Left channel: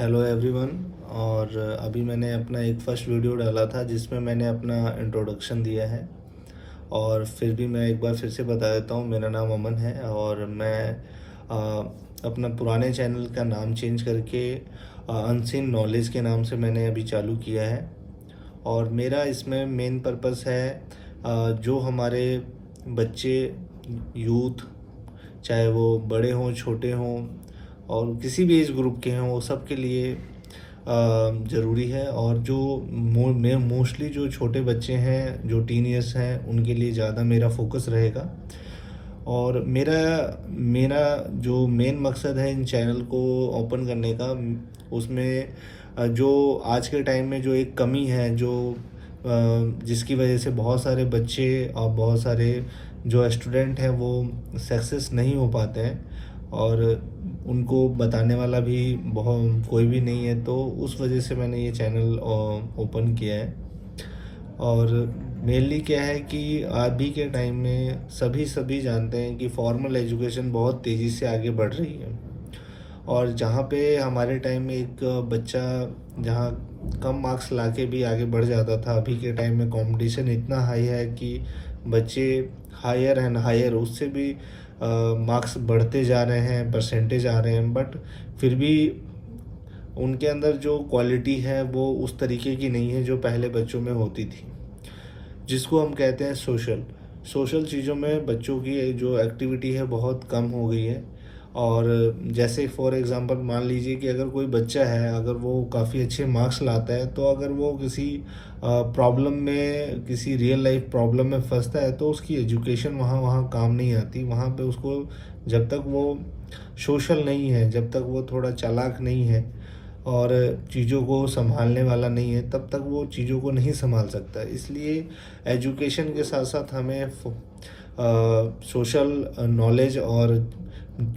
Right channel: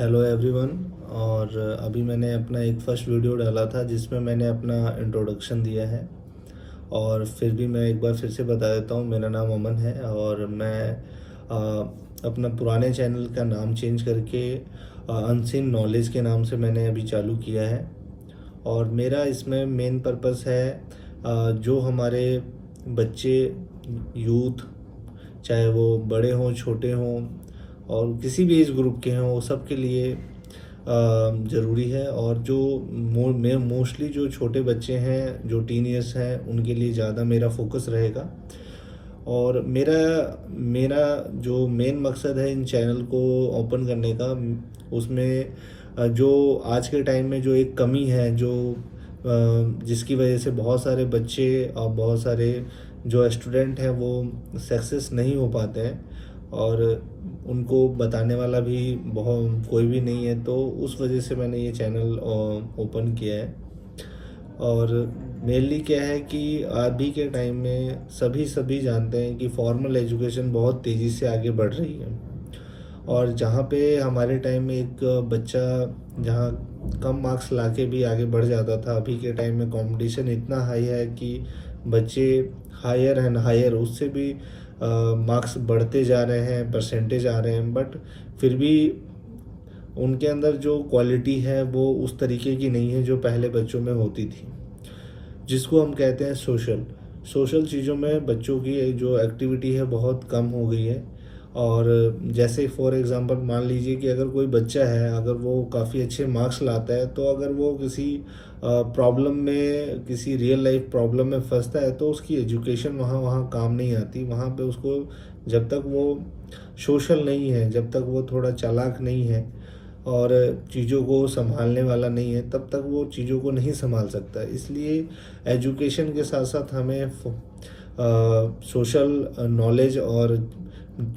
Hello everyone. और अभी मैंने अपना एक फर्स्ट वीडियो डाला था जिसमें मैंने अपना इंट्रोडक्शन दिया है। और फिर भी मैं एक बार फिर से बता देता हूँ, मेरा नाम अमन है और मैं अपना पुराने चैनल का नाम चेंज करके अनसीन नॉलेज के नाम से मैंने अभी चालू किया है। और मेरा इसमें मेन पर्पस है जो हमारे बच्चे, यूथ, चाहे वो बड़े हों छोटे हों और किसी भी एज ग्रुप के हों, वो सब के लिए ज़रूरी है। और जो मोस्टली जो छोटे बच्चे हैं, जो टीन ईयर्स हैं, उनके लिए ज़्यादा मेरा फोकस रहेगा। और मेरा मेरा जो मेन मकसद है इन चैनल को ओपन करने का, उसमें जो आज के टाइम में जो एक कमी है, जो जिसकी वजह से बहुत सारे बच्चे और बहुत सारे जो स्टूडेंट हैं वो सक्सेस नहीं हो पाते हैं और उनको बताने वाला भी बहुत कोई भी नहीं है, तो उस वजह से मैंने ये चैनल ओपन किया है। और मेनली क्या है कि अभी के टाइम में सभी जानते हैं कि फॉर्मल एजुकेशन बहुत तेज़ी से आगे बढ़ रही है। और जहाँ पे हमारे टाइम में एक बच्चा जहाँ कम मार्क्स लाके भी आगे बढ़ जाता था, अभी के टाइम में कंपटीशन इतना हाई है कि बच्चे हायर एंड हायर उससे भी मार्क्स बढ़ते जा रहे हैं, परसेंटेज आ रहे हैं, बट फिर भी उनके अंदर जो क्वालिटी है वो उस तरीके की नहीं है जो पहले बच्चों में होती थी, जिसको हम कहते हैं सोशल चीज़ों में बच्चों की जो एक्टिविटी है बहुत कम हो गई है। और जैसे फॉर एग्जांपल मान लीजिए कि अगर कोई बच्चा है, अगर वो काफ़ी अच्छे मार्क्स लाता है, तो अगर वो किसी प्रॉब्लम में, किसी रियल लाइफ प्रॉब्लम में फंसता है, तो उसकी एजुकेशन वहाँ वहाँ काम नहीं आती। वहाँ पे उसको जब तक वो सोशल नहीं है, जब तक वो थोड़ा चालाक नहीं है और चीज़ों को संभालने वाला नहीं है, तब तक वो चीज़ों को नहीं संभाल सकता। इसलिए एजुकेशन के साथ साथ हमें सोशल नॉलेज और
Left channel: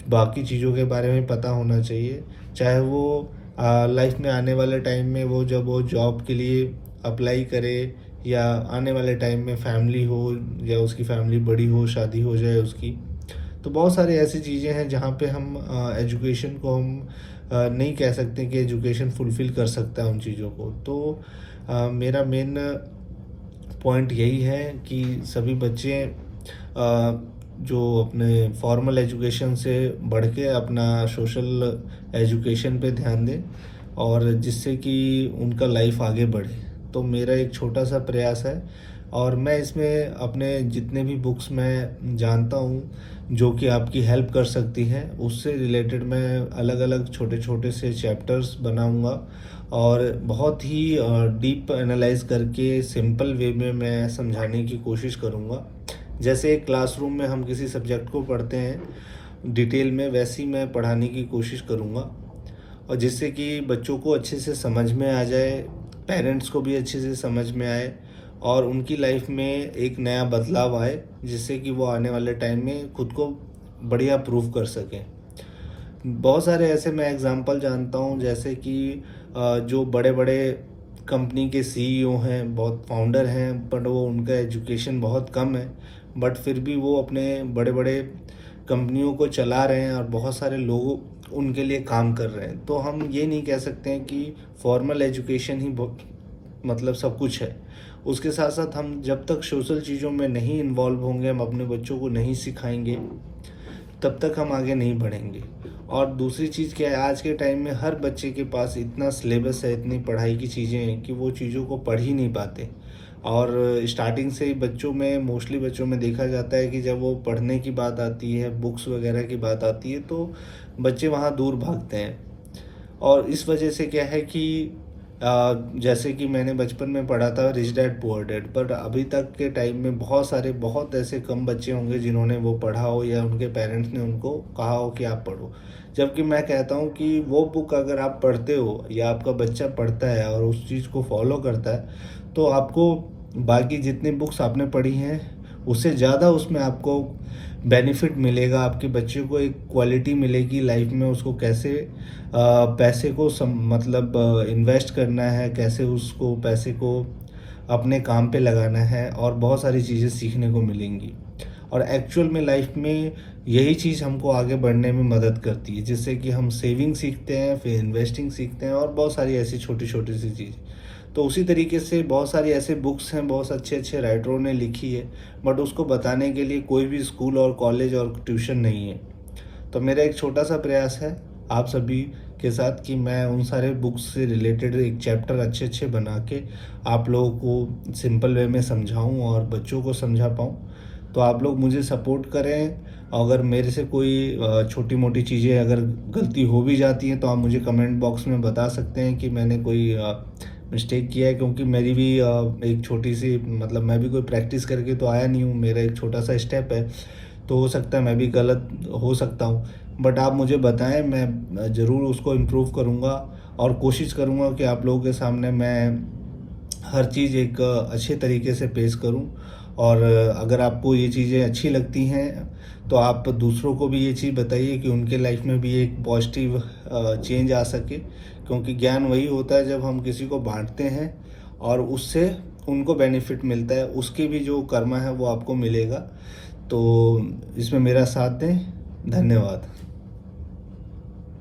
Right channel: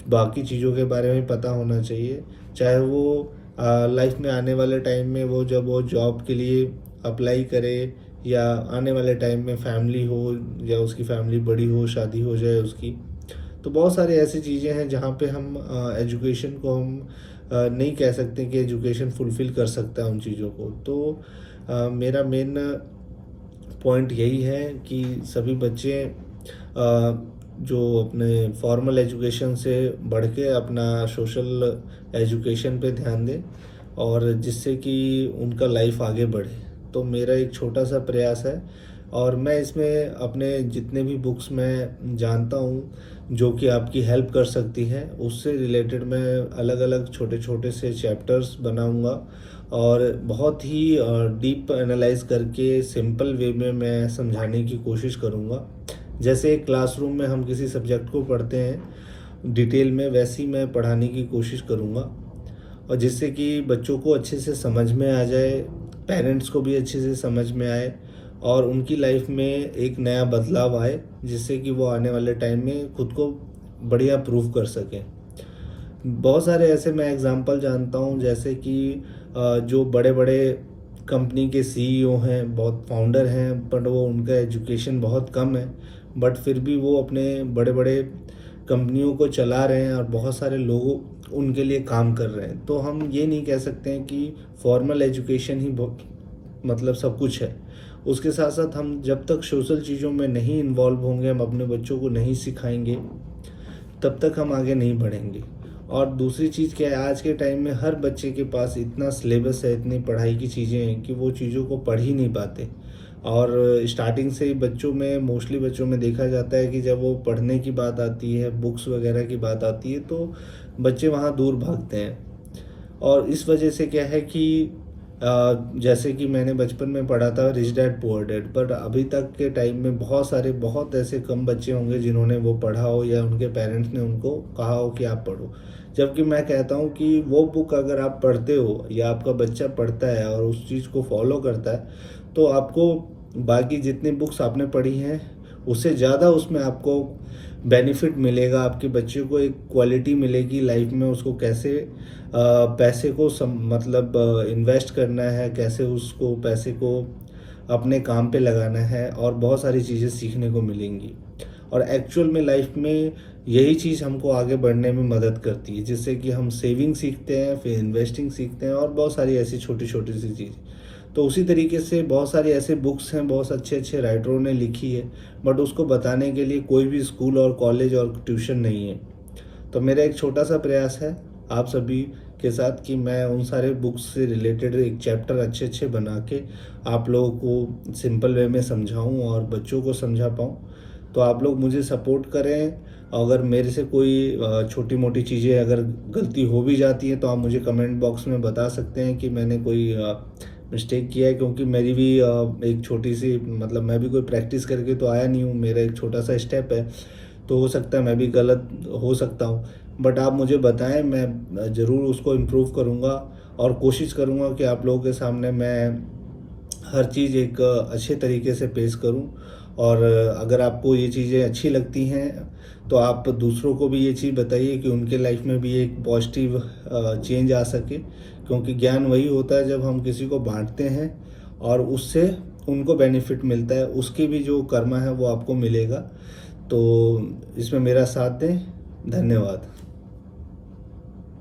बाकी चीज़ों के बारे में पता होना चाहिए, चाहे वो लाइफ में आने वाले टाइम में वो जब वो जॉब के लिए अप्लाई करे, या आने वाले टाइम में फैमिली हो या उसकी फैमिली बड़ी हो, शादी हो जाए उसकी। तो बहुत सारी ऐसी चीज़ें हैं जहाँ पे हम एजुकेशन को हम नहीं कह सकते कि एजुकेशन फुलफ़िल कर सकता है उन चीज़ों को। तो मेरा मेन पॉइंट यही है कि सभी बच्चे जो अपने फॉर्मल एजुकेशन से बढ़ के अपना सोशल एजुकेशन पे ध्यान दें, और जिससे कि उनका लाइफ आगे बढ़े। तो मेरा एक छोटा सा प्रयास है, और मैं इसमें अपने जितने भी बुक्स मैं जानता हूँ जो कि आपकी हेल्प कर सकती हैं, उससे रिलेटेड मैं अलग अलग छोटे छोटे से चैप्टर्स बनाऊँगा और बहुत ही डीप एनालाइज करके सिंपल वे में मैं समझाने की कोशिश करूँगा। जैसे एक क्लासरूम में हम किसी सब्जेक्ट को पढ़ते हैं डिटेल में, वैसी मैं पढ़ाने की कोशिश करूँगा, और जिससे कि बच्चों को अच्छे से समझ में आ जाए, पेरेंट्स को भी अच्छे से समझ में आए और उनकी लाइफ में एक नया बदलाव आए, जिससे कि वो आने वाले टाइम में खुद को बढ़िया प्रूव कर सकें। बहुत सारे ऐसे मैं एग्जांपल जानता हूँ, जैसे कि जो बड़े बड़े कंपनी के सीईओ हैं, बहुत फाउंडर हैं, बट वो उनका एजुकेशन बहुत कम है, बट फिर भी वो अपने बड़े बड़े कंपनियों को चला रहे हैं और बहुत सारे लोगों उनके लिए काम कर रहे हैं। तो हम ये नहीं कह सकते हैं कि फॉर्मल एजुकेशन ही मतलब सब कुछ है। उसके साथ साथ हम जब तक सोशल चीज़ों में नहीं इन्वॉल्व होंगे, हम अपने बच्चों को नहीं सिखाएंगे, तब तक हम आगे नहीं बढ़ेंगे। और दूसरी चीज़ क्या है, आज के टाइम में हर बच्चे के पास इतना सिलेबस है, इतनी पढ़ाई की चीज़ें हैं कि वो चीज़ों को पढ़ ही नहीं पाते। और स्टार्टिंग से ही बच्चों में, मोस्टली बच्चों में देखा जाता है कि जब वो पढ़ने की बात आती है, बुक्स वगैरह की बात आती है, तो बच्चे वहाँ दूर भागते हैं। और इस वजह से क्या है कि जैसे कि मैंने बचपन में पढ़ा था रिच डैड पुअर डैड, पर अभी तक के टाइम में बहुत ऐसे कम बच्चे होंगे जिन्होंने वो पढ़ा हो या उनके पेरेंट्स ने उनको कहा हो कि आप पढ़ो। जबकि मैं कहता हूँ कि वो बुक अगर आप पढ़ते हो या आपका बच्चा पढ़ता है और उस चीज़ को फॉलो करता है, तो आपको बाकी जितनी बुक्स आपने पढ़ी हैं उससे ज़्यादा उसमें आपको बेनिफिट मिलेगा। आपके बच्चे को एक क्वालिटी मिलेगी लाइफ में, उसको कैसे पैसे को मतलब इन्वेस्ट करना है, कैसे उसको पैसे को अपने काम पे लगाना है, और बहुत सारी चीज़ें सीखने को मिलेंगी। और एक्चुअल में लाइफ में यही चीज़ हमको आगे बढ़ने में मदद करती है, जिससे कि हम सेविंग सीखते हैं, फिर इन्वेस्टिंग सीखते हैं और बहुत सारी ऐसी छोटी छोटी सी चीज़। तो उसी तरीके से बहुत सारी ऐसे बुक्स हैं, बहुत अच्छे अच्छे राइटरों ने लिखी है, बट उसको बताने के लिए कोई भी स्कूल और कॉलेज और ट्यूशन नहीं है। तो मेरा एक छोटा सा प्रयास है आप सभी के साथ कि मैं उन सारे बुक्स से रिलेटेड एक चैप्टर अच्छे अच्छे बना के आप लोगों को सिंपल वे में समझाऊं और बच्चों को समझा पाऊं। तो आप लोग मुझे सपोर्ट करें। अगर मेरे से कोई छोटी मोटी चीज़ें अगर गलती हो भी जाती हैं तो आप मुझे कमेंट बॉक्स में बता सकते हैं कि मैंने कोई मिस्टेक किया है, क्योंकि मेरी भी एक छोटी सी मतलब मैं भी कोई प्रैक्टिस करके तो आया नहीं हूँ, मेरा एक छोटा सा स्टेप है, तो हो सकता है मैं भी गलत हो सकता हूँ। बट आप मुझे बताएं, मैं ज़रूर उसको इम्प्रूव करूँगा और कोशिश करूँगा कि आप लोगों के सामने मैं हर चीज़ एक अच्छे तरीके से पेश करूं। और अगर आपको ये चीज़ें अच्छी लगती हैं तो आप दूसरों को भी ये चीज़ बताइए कि उनके लाइफ में भी एक पॉजिटिव चेंज आ सके, क्योंकि ज्ञान वही होता है जब हम किसी को बांटते हैं और उससे उनको बेनिफिट मिलता है, उसकी भी जो कर्मा है वो आपको मिलेगा। तो इसमें मेरा साथ दें। धन्यवाद।